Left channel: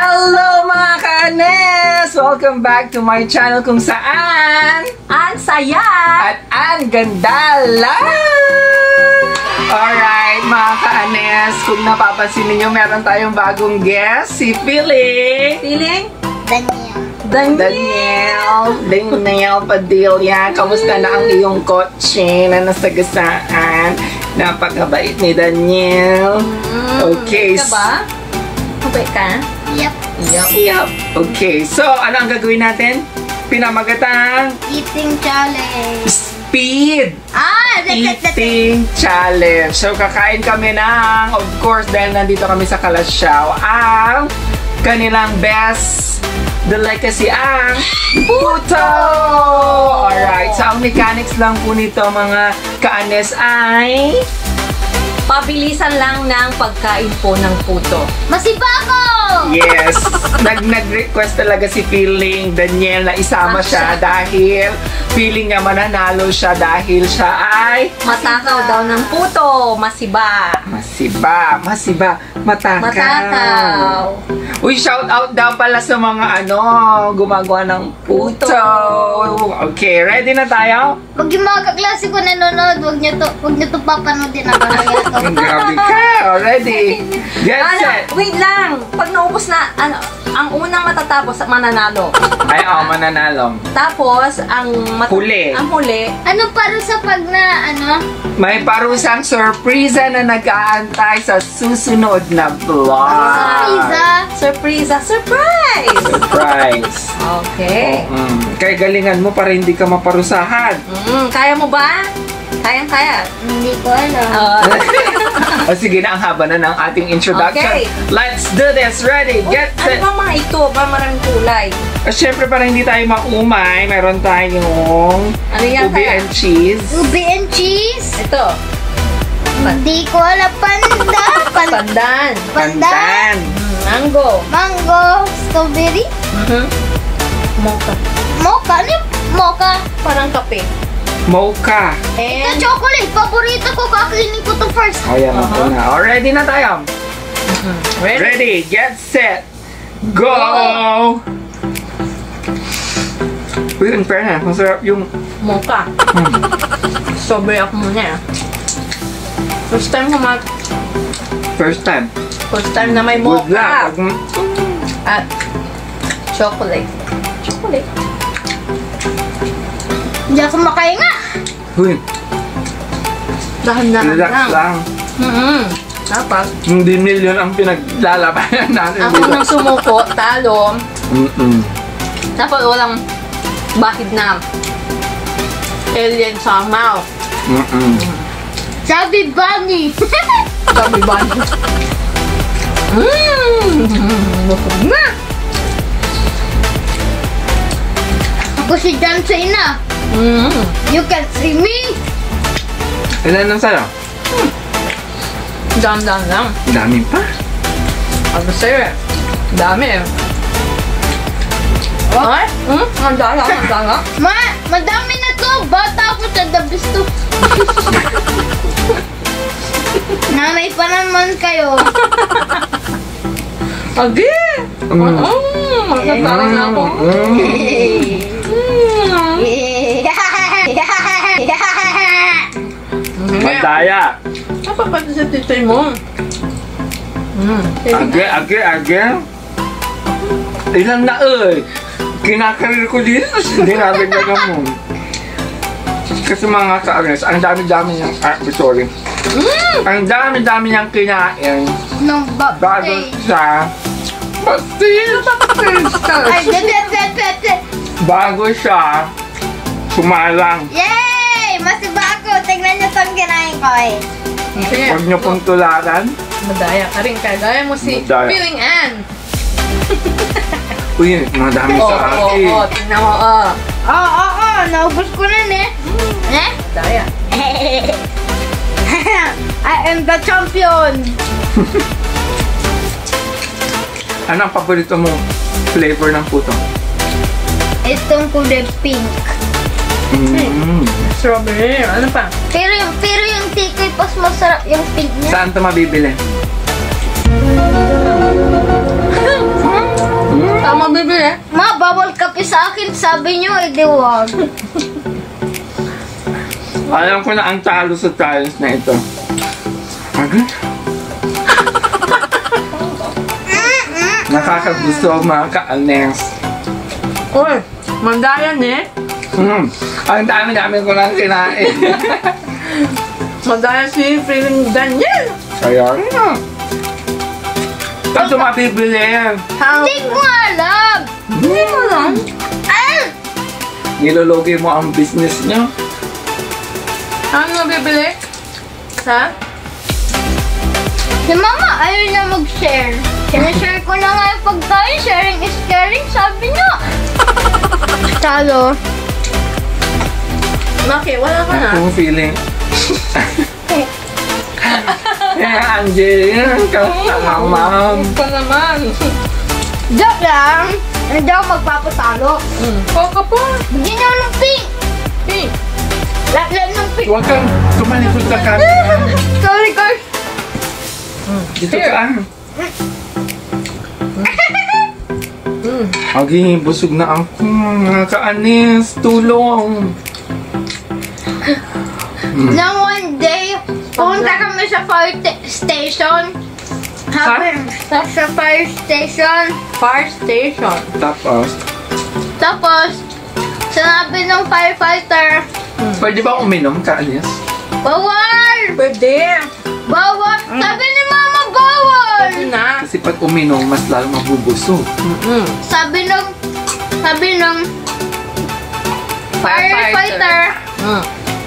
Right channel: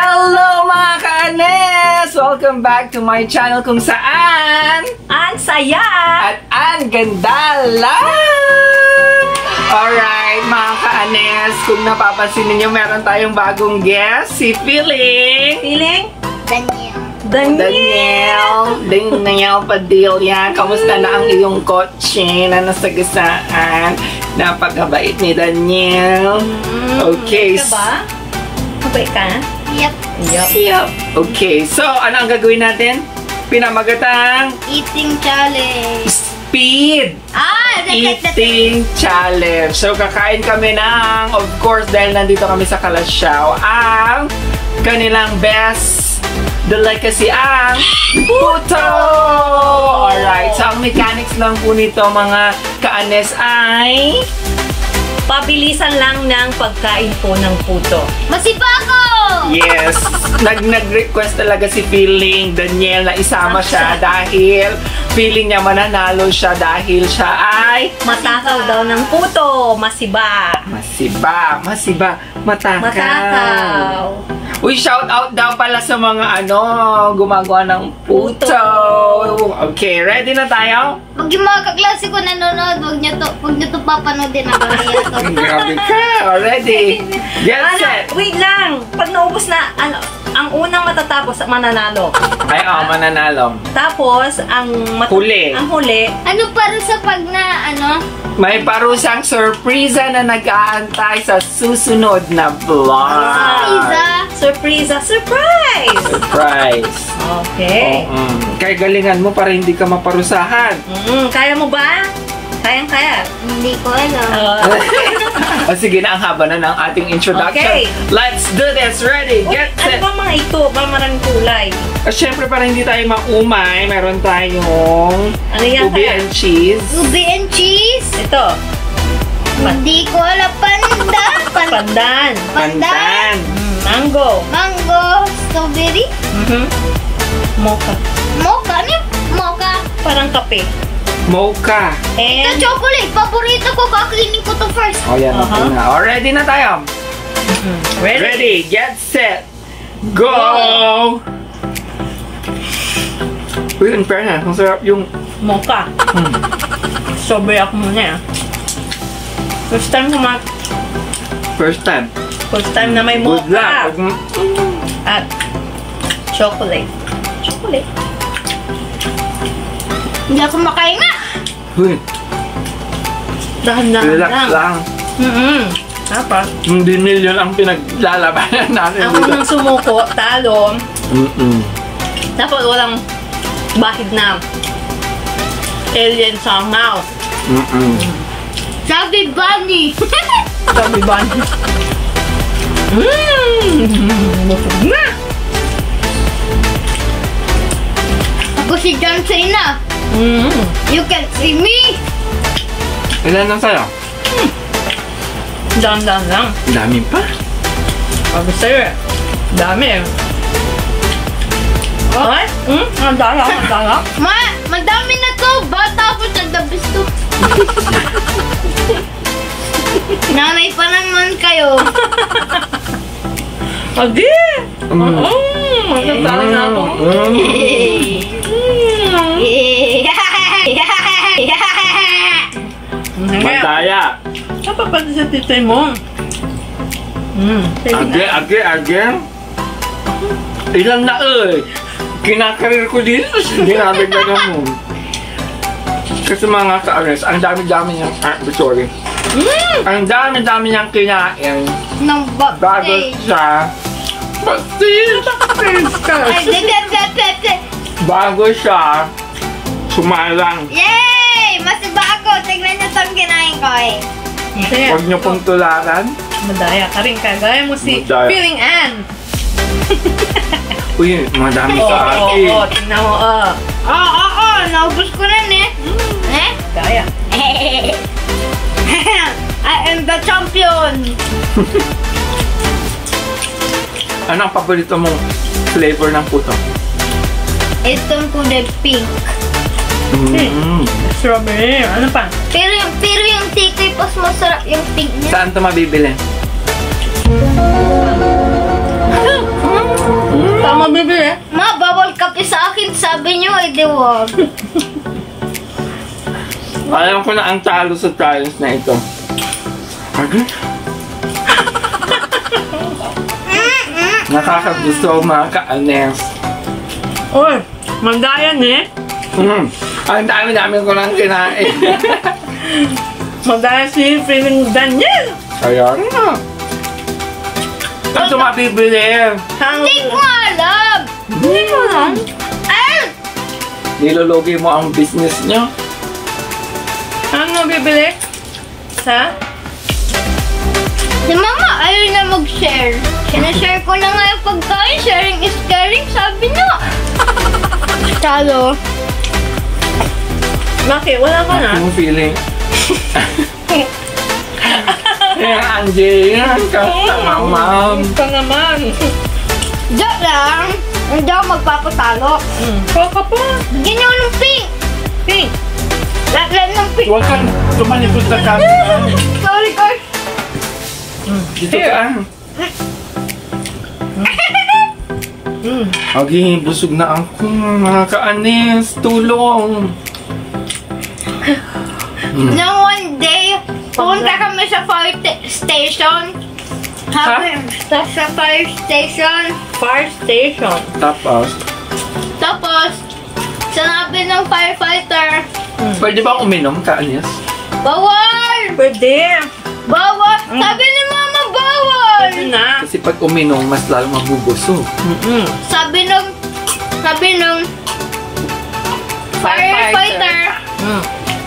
Hello mga ka-Anes! Welcome back to my channel kung saan ang saya at ang ganda lang! Alright mga ka-Anes, kung napapansin ninyo meron tayong bagong guest, si Feeling Daniel Padilla. Kamusta na ang iyong kotse na nasagasaan? Napakabait ni Daniel. Okay. Ka ba? Mabait ka? Yep. Okay, so ano ang gagawin natin? Pinamagatang Eating challenge. Speed Eating Challenge. So kakain kami ng, of course, dahil nandito kami sa Kalasyaw, ang kanilang best delicacy ang puto! Alright, so ang mechanics lang po nito mga ka-Anes ay Pabilisan lang ng pagkain po ng puto. Masipako! yes, nag-request talaga si Feeling Daniel na isama siya dahil feeling niya mananalo siya dahil siya ay Matakaw daw ng puto. Matakaw. Uy, shout out daw pala sa mga gumagawa ng puto. Okay, ready na tayo? Pag yung mga kaklase ko nanonood, huwag nyo to papanoodin na mamaya to. Grabe ka. Ready? Get set. Wait lang. Pag naubos na, ang unang matatapos, mananalo. Ay, mananalo. Tapos, ang huli. Ang huli. Ano para sa pag na, May parusang surpresa na nag-aantay sa susunod na vlog. Surprise! Surprise! Okay. Kaya galingan mo para hindi ka maparusahan. Kaya mo ba? Kayang-kaya. Hindi ko alam. Sige na, ang haba na ng ating introduction. Okay. Let's do this. Ready, get set. Ano ba mga ito? Ba maraming kulay? Siyempre, para hindi tayo maumay, mayroon tayong Ano yan ubi kaya? and cheese. Ubi and cheese? Ito. Hindi ko alam. Pandan. Pandan. Mango. Mango. Strawberry? Mocha. Mocha? Ano yung mocha? Parang kape. Mocha. Ito And chocolate. Paborito ko. Kakainin ko to first. O yan, ako na. O, ready na tayo. ready? Ready, get set, go! Uy, in fairness, ang sarap yung Mocha. Strawberry ako muna. First time first time. First time na may Good mocha. luck. At chocolate. Chocolate. Hindi ako makainga. Uy, Dahan-dahan relax lang. lang. Dapat. Hindi million ang pinaglalabanan natin Ako nang sumuko, talo. Dapat walang bahid na alien sa mouth. Sabi Bunny. Sabi ba? Nafog na. Ako si John Cena. You can see me. Ilan lang sa'yo? Dahan-dahan lang. Dami pa. Ako sa'yo eh. Dami eh. Ay? Ang dala. Madami na to. Bata ako sa dabis to. Nanay pa naman kayo. Adi! Magkatala na ako. Madaya. Kapag pati sa titoy mo. Age. Ilan na kinakarir ko dito. Hindi nabiglagan mo. Kasi mga ka-Anes, ang dami-dami niyang, sorry. Ang dami-dami niyang kinain Nang bago babay. siya Ay, bago siya sumalang. yay! Masiba ako. Tignan niyo itong kinain ko eh. Huwag niyo pong tularan. Madaya ka rin. Kagaya mo si Madaya. Feeling Ann. Uy, madami sa akin. Oo, tingnan mo. Naubos ko na Madaya. I am the champion. Ano ang paborito mong flavor ng puto? Itong kulay pink. Strawberry. Ano pa? Pero yung tikoy pas masarap yung pink niya. Saan ito mabibili? bibili? Ma, bawal kape sa akin, sabi niyo, di wag. Alam ko na ang talo sa challenge na ito. Okay? Nakakagusto mga ka-anes. Uy, mandayan eh. Ang dami-dami ko lang kinain. Mandayan si Freeling Daniel. Kaya na. Ito mapibili. Hindi ko alam. Hindi mo lang. Ay! Nilologi mo ang business niya. Ano bibili? Sa? Si Mama, ayaw niya mag-share. Sinashare ko na nga yung pagkain. Sharing is caring, sabi niya. Talo. Bakit? Wala ka na? Akong feeling. Angie, ka naman. Ito naman. Joke lang. Hindi ako magpapatalo. Kaka pa. Bigyan niyo ako ng pink. Pink. Lahat ng pink. Huwag kang tumalikod sa camera. Sorry, guys. Dito ka. Agi, busog na ako. Mga ka-anis, tulong. Nang one day, pumunta kami sa fire station. Sa fire station. Fire station. Tapos, Sinabi ng firefighter, pwede bang uminom, ka-anis? bawal! Pwede. Bawal! Sabi ni Mama, bawal! Pwede na. Kasi pag uminom, mas lalo mabubusog. Sabi ng firefighter,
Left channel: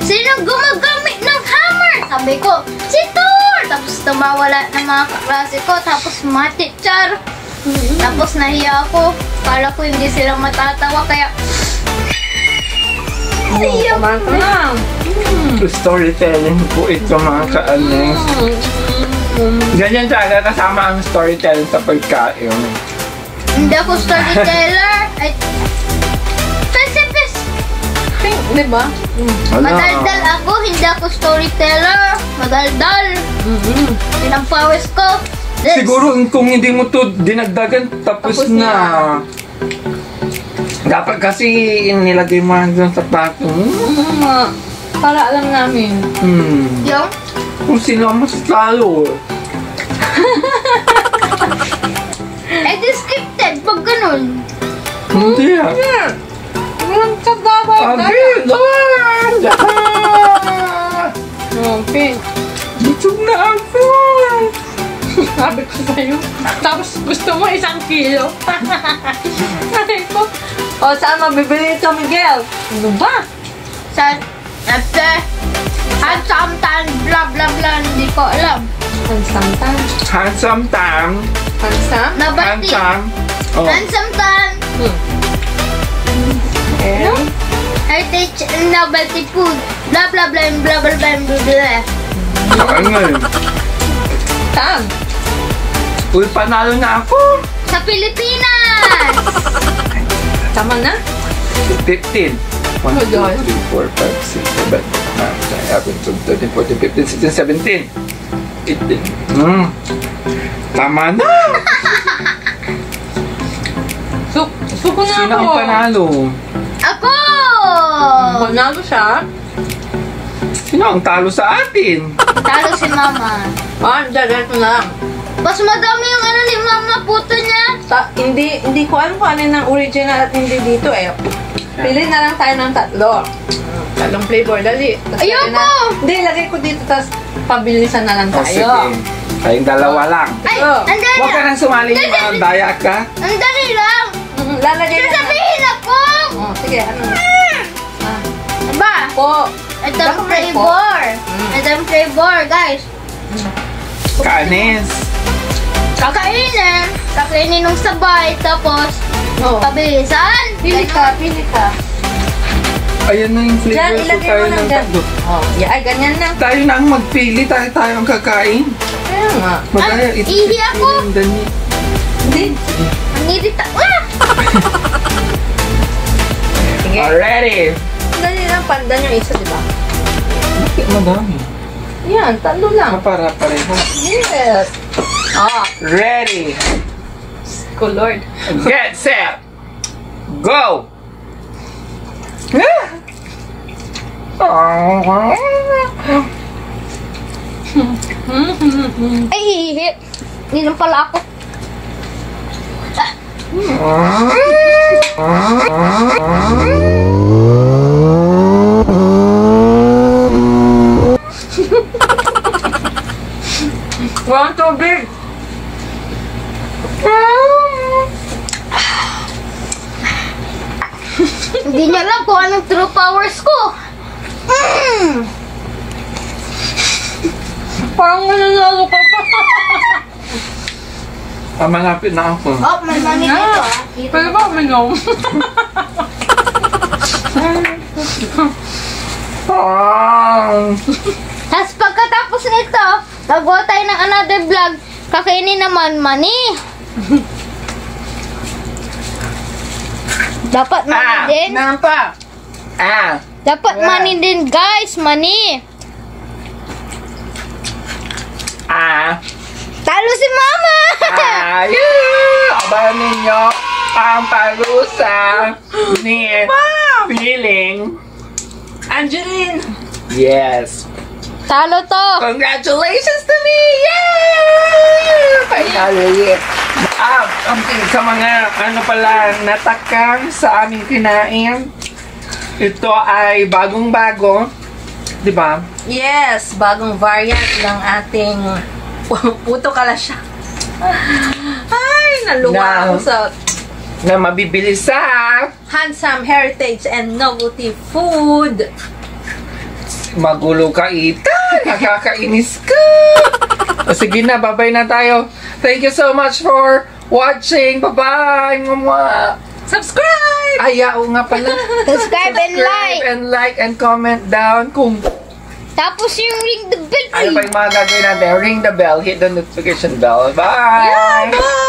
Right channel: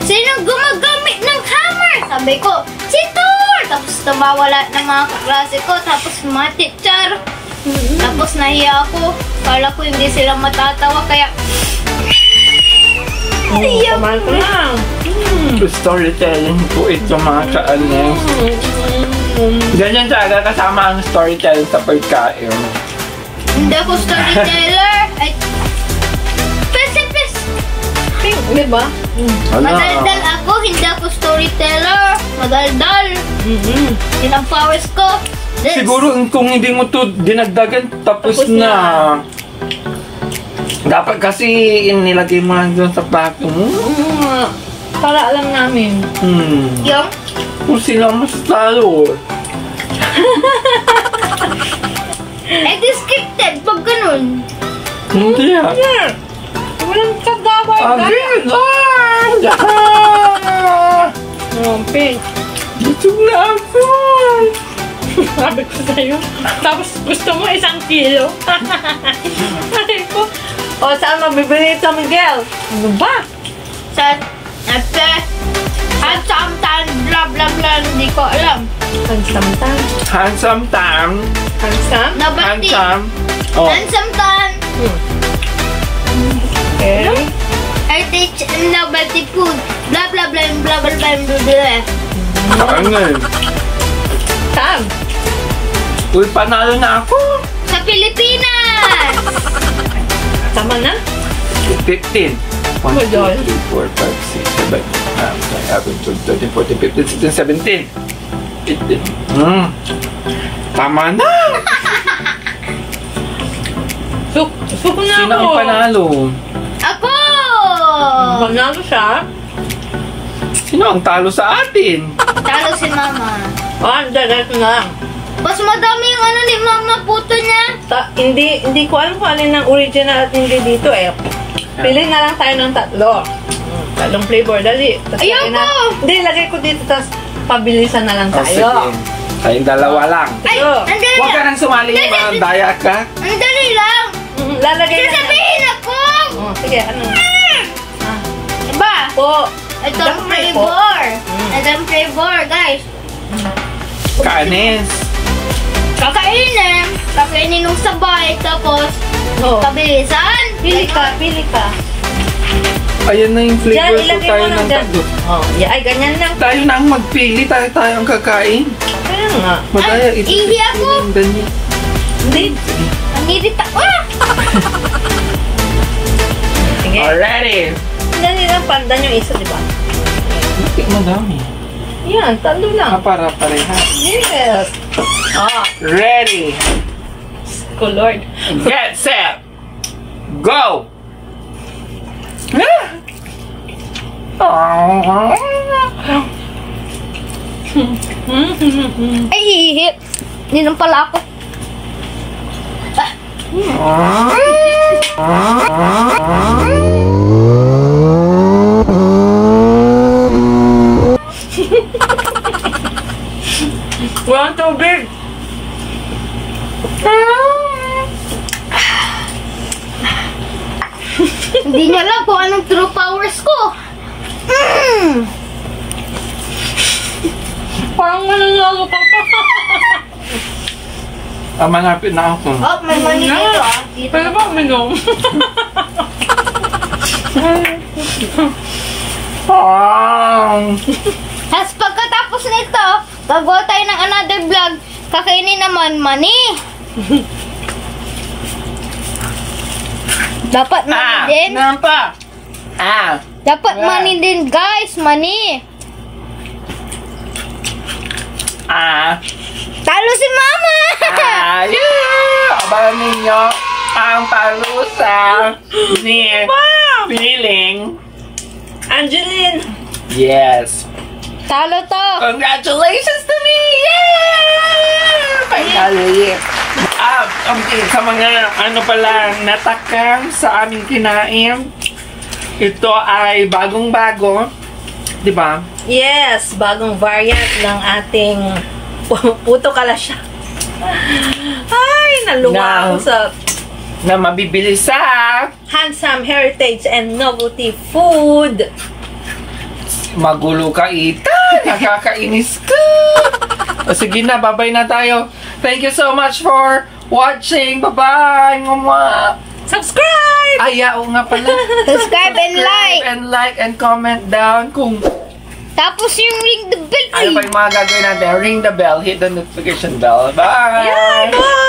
sino gumagamit ng hammer? Sabi ko, si Thor! Tapos tumawala ng mga kaklase ko, tapos mga teacher. Tapos nahiya ako. Kala ko hindi sila matatawa, kaya iyak Kumain ka lang. Storytelling po ito, mga ka-anis. Ganyan talaga kasama ang storytelling sa pagkain. Hindi ako storyteller. Ay, pes! Pink, di ba? Madaldal ako, hindi ako storyteller. Madaldal. Yun ang powers ko. This. Siguro kung hindi mo to dinagdagan, tapos na. Dapat kasi nilagay mo lang dun sa packing. Para alam namin. Yung? Kung sino ang mas talo. Eh, scripted pag ganun. Hindi ah. Walang kagaway. Agad! Pink. Busog na ako! Sabi ko sa'yo. Tapos gusto mo 1 kilo. Sabi ko, o saan mabibili ito, Miguel? Ano ba? Sa, at sometimes, blah blah blah, hindi ko alam. Handsome time. Handsome time. Handsome? Nabati. Handsome. Oh. Handsome time. Okay. Heritage and novelty food. Blah blah blah, blah blah blah, blah blah. Saan nga eh? Saan? Uy, panalo na ako! Sa Pilipinas! Tama na? 15. 1, 2, 3, 4, 5, 6, 7, 8, 9, 10, 11, 12, 13, 14, 15, 16, 17. 18. Tama na! Suko na Sino ako. ang panalo? Ako! Panalo siya. Sino ang talo sa atin? Talo si Mama. Diretso na lang. Mas madami yung ano ni Mama, puto niya. Hindi ko alam kung alin ang original at hindi dito eh. Pili na lang tayo ng 3. Tatlong flavor, dali. Tas Ayoko! lagay na- Hindi, lagay ko dito, tapos pabilisan na lang Oh, sige. tayo. Tayong dalawa lang. Ay, Ito. ang dali Huwag ka lang. nang sumali yung mga daya ka. Ang dali lang. Lalagay na lang. Sasabihin ako. Oh, sige, ano? Aba, Po. ito ang Dapat may po. flavor. Ito ang flavor, guys. Kaanis. Kakainin nung sabay, tapos Oh. pabilisan. Pili ka, pili ka. Ayan na yung Diyan, flavor ko ilagay tayo mo lang ng dyan. tatlo. Oh, ay, ganyan lang. Tayo na ang magpili, tayo ang kakain. Kaya nga. Madaya, Ay, ihi ako. ganyan. Hindi. Nanirita. Sige. Already. Dali lang, pandan yung isa, di ba? Bakit madami? Yan, 3 lang. Para parehas. Yes. Ah, Ready. ko, Lord. Get set. Go. Ay, hihip. Ninom pala ako. Walang tubig. Hindi niya alam kung anong true powers ko. Parang mananalo ka pa. Malapit na ako. Oh, may mani dito ah. Dito. Pwede ba uminom? Tapos pagkatapos nito, gagawa tayo ng another vlog. Kakainin naman mani. Dapat mani din. Nampak. Dapat mani din, guys. Mani. Talo si Mama! Abangan ninyo ang parusa ni Feeling. Angeline! Yes. Talo to! Congratulations to me! Yay! Finally! Okay, sa mga natakang sa aming kinain, ito ay bagong-bago. Diba? Yes, bagong variant ng ating puto kalasya. Ay, naluwa ako sa na mabibili sa Handsome Heritage and Novelty Food. Magulo ka, Ita. Nakakainis ka. Sige na, bye-bye na tayo. Thank you so much for watching. Bye-bye. Mama. Subscribe! Ay, oo nga pala. Subscribe and like! And like and comment down kung Tapos yung ring the bell. ano pa yung mga gagawin natin. Ring the bell, hit the notification bell. Bye! Bye!